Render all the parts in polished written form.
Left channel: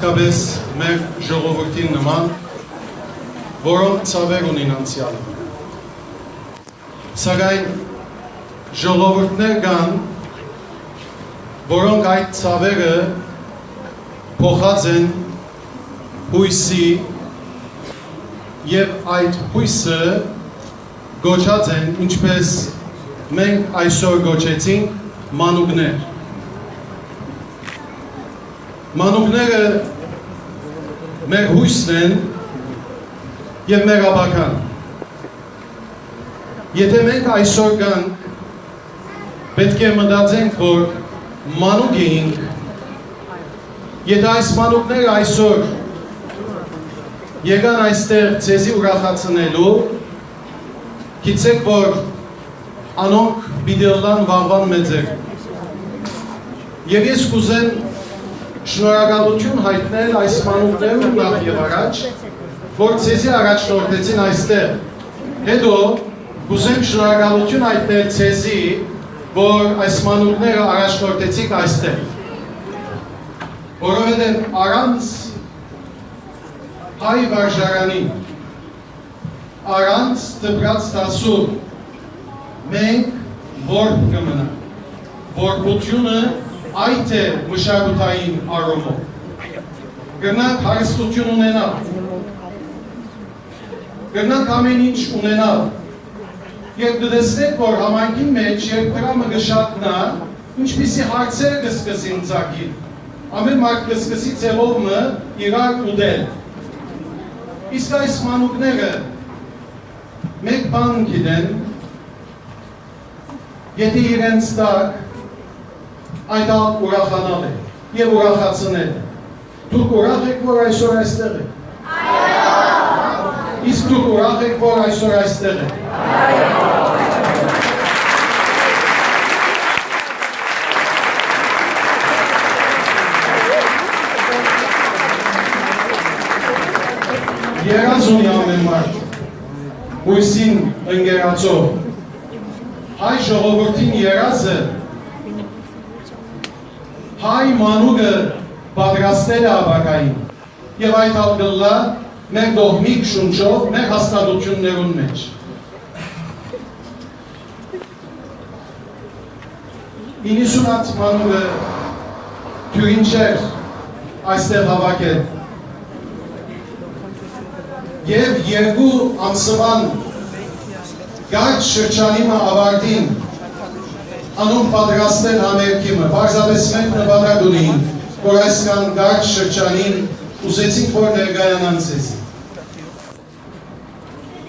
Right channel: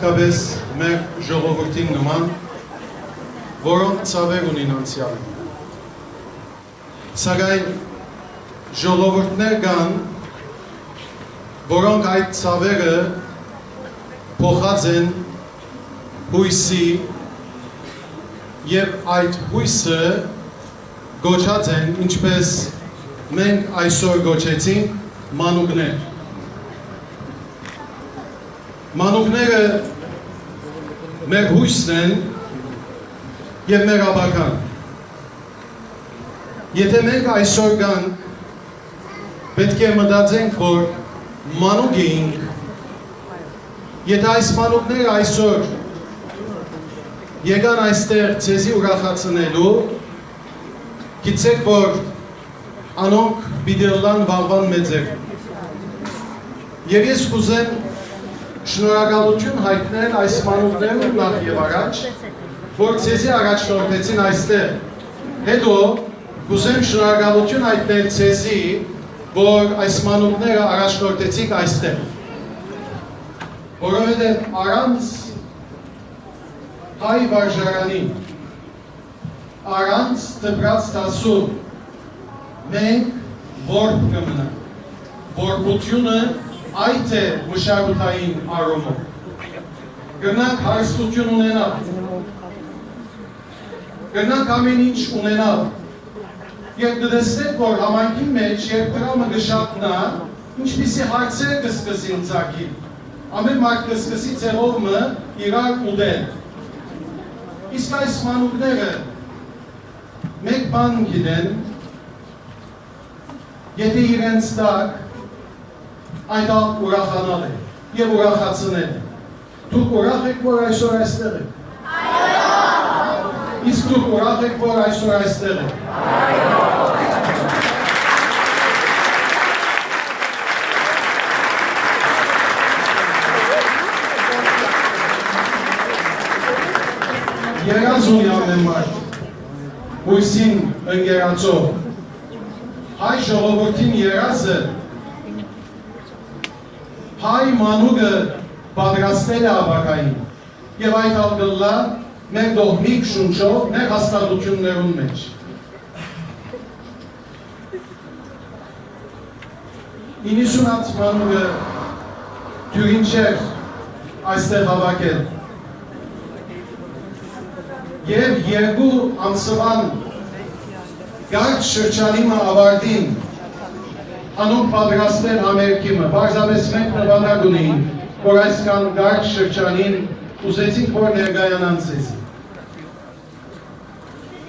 հատկապես մեր ժողովրդին նման, որոնք ցավեր ունին անցյալը։ Սակայն ժողովուրդներ կան, որոնք այդ ցավերը փոխած են հույսի եւ այդ հույսը գոչած են, ինչպես մենք այսօր գոչեցինք, մանուկներ։ Մանուկները մեր հույսն են եւ մեր ապագան։ Եթե մենք այսօր գանք, պետք է մտածենք, որ մանուկ էինք, եթե այս մանուկները այսօր եկան այստեղ ցեզի ուրախացնելու, գիտեք, որ անոնք պիտի ըլլան վաղվան մեծեր։ Եվ ես կուզեմ շնորհակալություն հայտնել այս մանուկներուն նախ եւ առաջ, որ ցեզի առաջնորդեցին այստեղ։ Հետո կուզեմ շնորհակալություն հայտնել ցեզի, որ այս մանուկները առաջնորդեցիք այստեղ։ Որովհետև առանց հայ վարժարանի, առանց դպրաց դասու մենք որբ կմնանք։ Որբությունը այդ է մշակութային առումով։ Գնանք հարստություն ունենալ, գնանք ամեն ինչ ունենալ, եւ կտեսնեք, որ համայնքի մեջ երբ դրամը կշատնա, ինչպիսի հարցեր կսկսին ծագել։ Ամեն մարդ կսկսի ցեղովը իրար ուտել։ Իսկ այս մանուկները մեկ բան գիտեն, եթե իրենց տակ այդ ուրախանալ է եւ ուրախացնել է։ Դուք ուրախ եք, որ այսօր այստեղ եք։ Այո։ Իսկ դուք ուրախ եք, որ այսօր այստեղ եք։ Այո։ Երազ ունի ամեն մարդ, հույսին ընկերացող, հայ ժողովրդին երազը, հայ մանուկը պատրաստել է ապագային, եւ այդ ալգլլա մեր դողմիկ շունչով, մեր հաստատություններուն մեջ։ 90 հատ մանուկը թյուրին չէր այստեղ հավաքել։ Եվ երկու ամսվան գարջ շրջանիմը ավարտին անոնք պատրաստել համերգիմը, պարզապես մենք նպատակ ունեին, որ այսքան գարջ շրջանին ուզեցինք, որ ներկայանան ցեզի։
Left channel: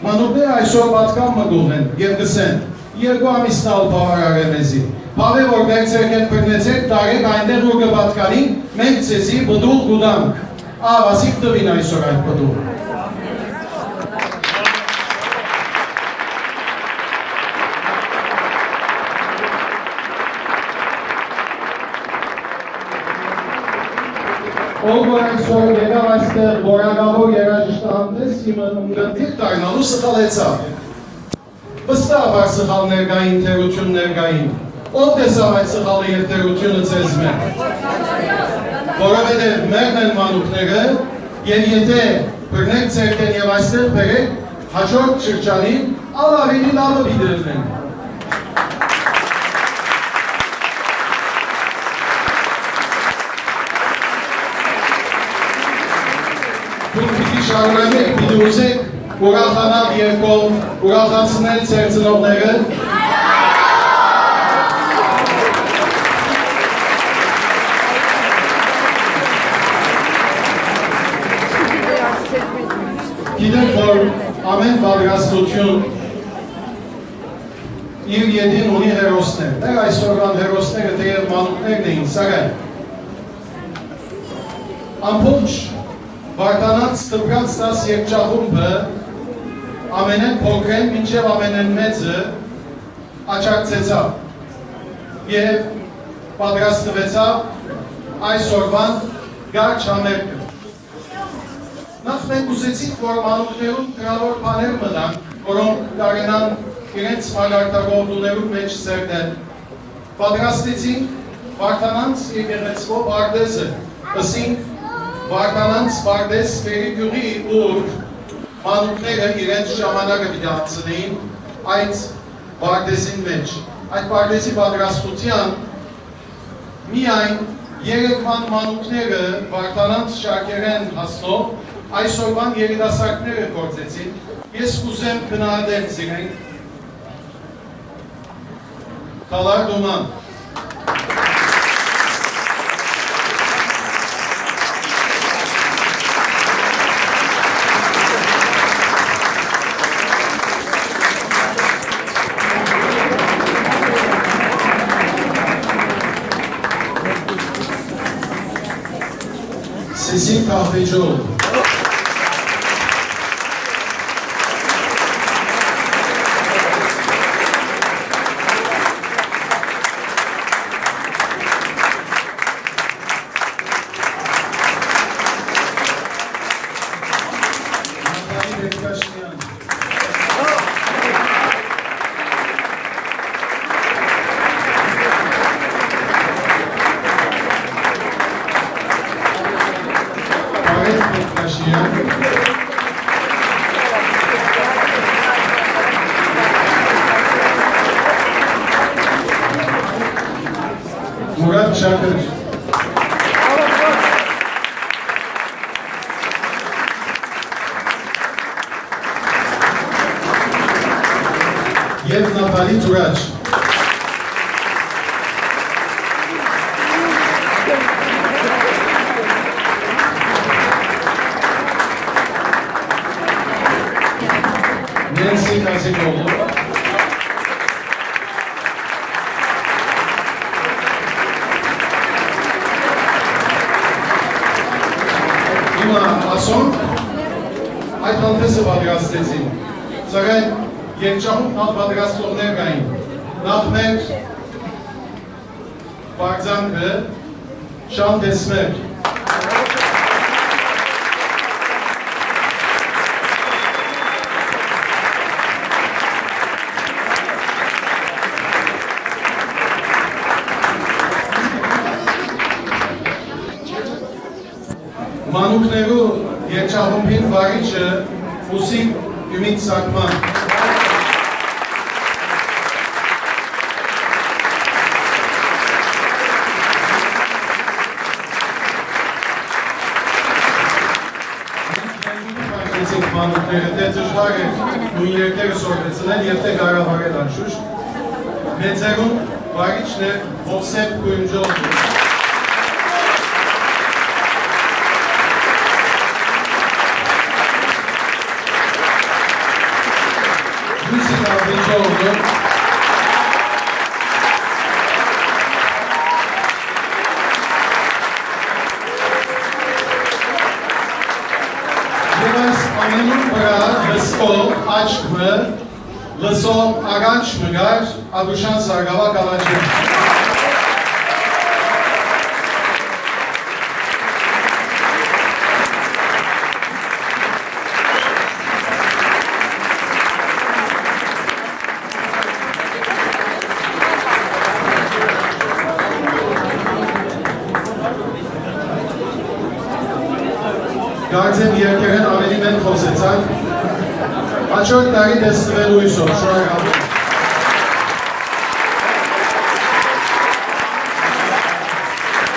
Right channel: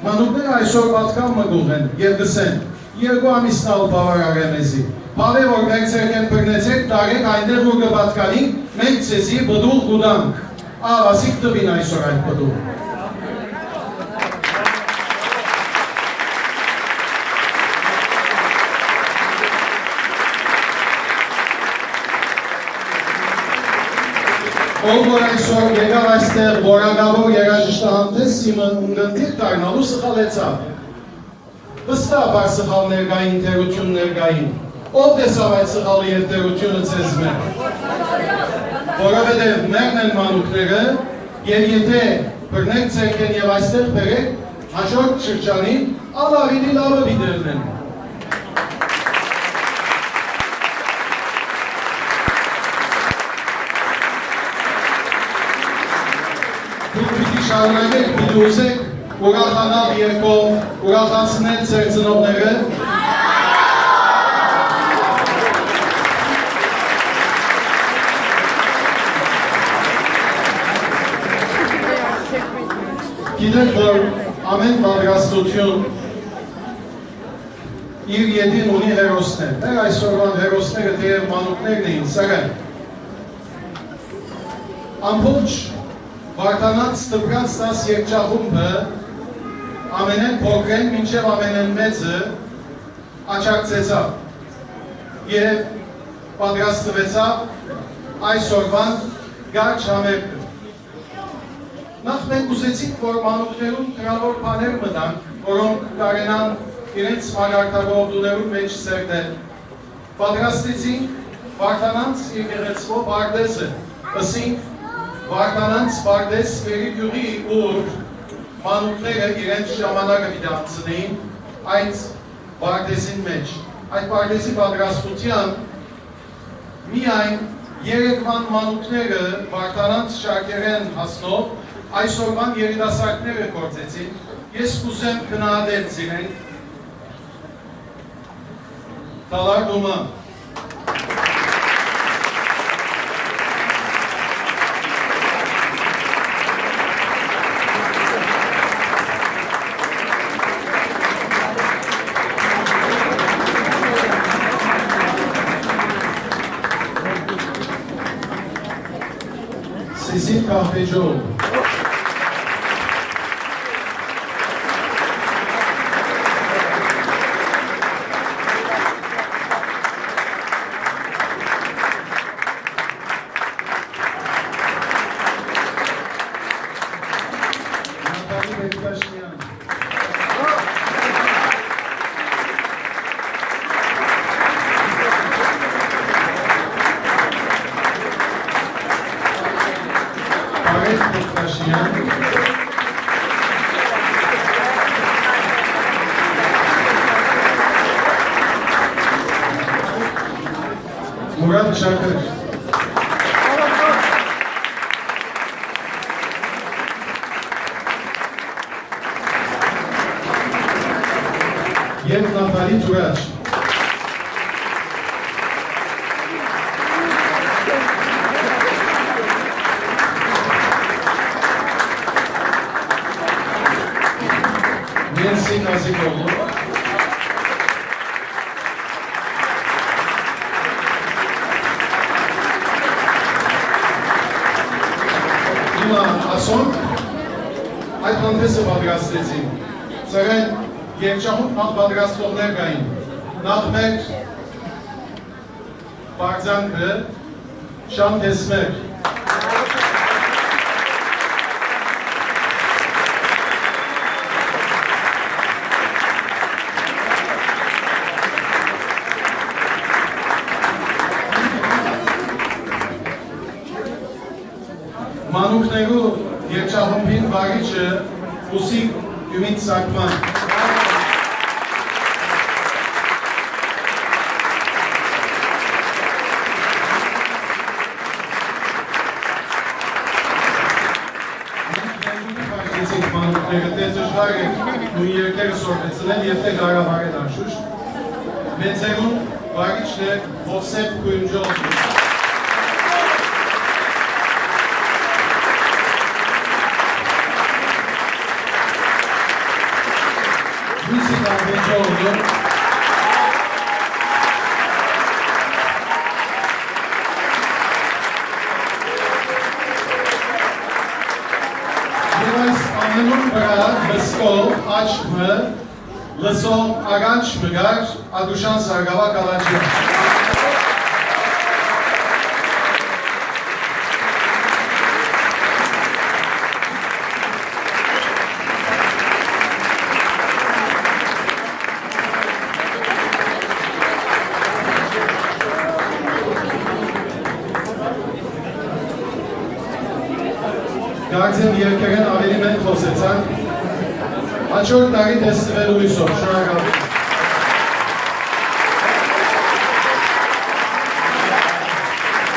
Մանուկները այսօր պատկան մգուղ են եւ գսեն, երկու ամիսն ալ բավարար է մեզի։ Բավե որ մենք ցերքեն բռնեցեք, տարեք այնտեղ որ կպատկանին, մենք ցեզի բդուղ գուտանք։ Ավասիկ տվին այսօր այդ բդուղ։ Ով որ այսօր եկավ այստեղ որակավոր երաժշտահանդես իմը ունգընթիր դառնալու սխալեցավ։ Վստահաբար սխալներ կային, թերություններ կային։ Ով տեսավ այդ սխալը եւ թերությունը ձեզ մեջ։ Որովհետեւ մերն են մանուկները, եւ եթե բռնեք ցերքեն եւ այստեղ բերեք, հաջորդ շրջանին ավելի լավը պիտի լինեն։ Շարունակեք, պիտի ուզեք ուրախանալ երկով, ուրախացնել ձեր ծնողները։ Գիտեք, որ ամեն պատրաստություն իր ետին ունի հերոսներ։ Դեռ այսօրվան հերոսները թեև մանուկներն էին, սակայն ամբողջ Վարդանանց դպրաց դաս երգչախումբը ամենեն փոքրեն մինչև ամենեն մեծը աչակցեցավ եւ պատրաստվեցավ այսօրվան գարջ համերգը։ Նախ մենք ուզեցինք, որ մանուկներուն գրավոր բաներ մտան, որոնք կարենան իրենց մագարտագործություններու մեջ սերտել։ Պատրաստեցինք Վարդանանց եկեղեցվո պարտեզը, ըսինք Վարդանանց Վարդես Պերիկյուրի ուր մանուկները իրենց ժամանակը վիդանցնեին այդ Վարդեսին մեջ։ Այդ Վարդեսի պատրաստության միայն երեկվան մանուկները Վարդանանց շարքերեն հասնով այսօրվան երիտասարդները գործեցին, ես կուզեմ քննադել զիրենք Տալար Դոման Սիսին Կախվեջով Murat Çakır Yev Natali Turaç Nancy Kazikoğlu Ասոն այդ հանդեսը պատրաստեցին, սակայն երջահում նախ պատրաստողներ կային, նախ մեր բարձանքը շան տեսմեր, մանուկներու երջահումբին վարիչը Ուսիկ Յումիտ Սակման մանուկները թե ծժվար է նույն երկերը սորվեցնեն և թե գարավար են անշուշտ մեծերուն վարիչն է Հովսեփ Կույմջով Lucy Carvajal. Jeweils anının beraber lăscol, açmă, lăsol, aganç măgar, adușan sargava calacı. Գարձեմ երկերեն ավելի մենք խոսեցանք, հաջորդ տարի դեստրելու հույսով, շնորհակալ եմ։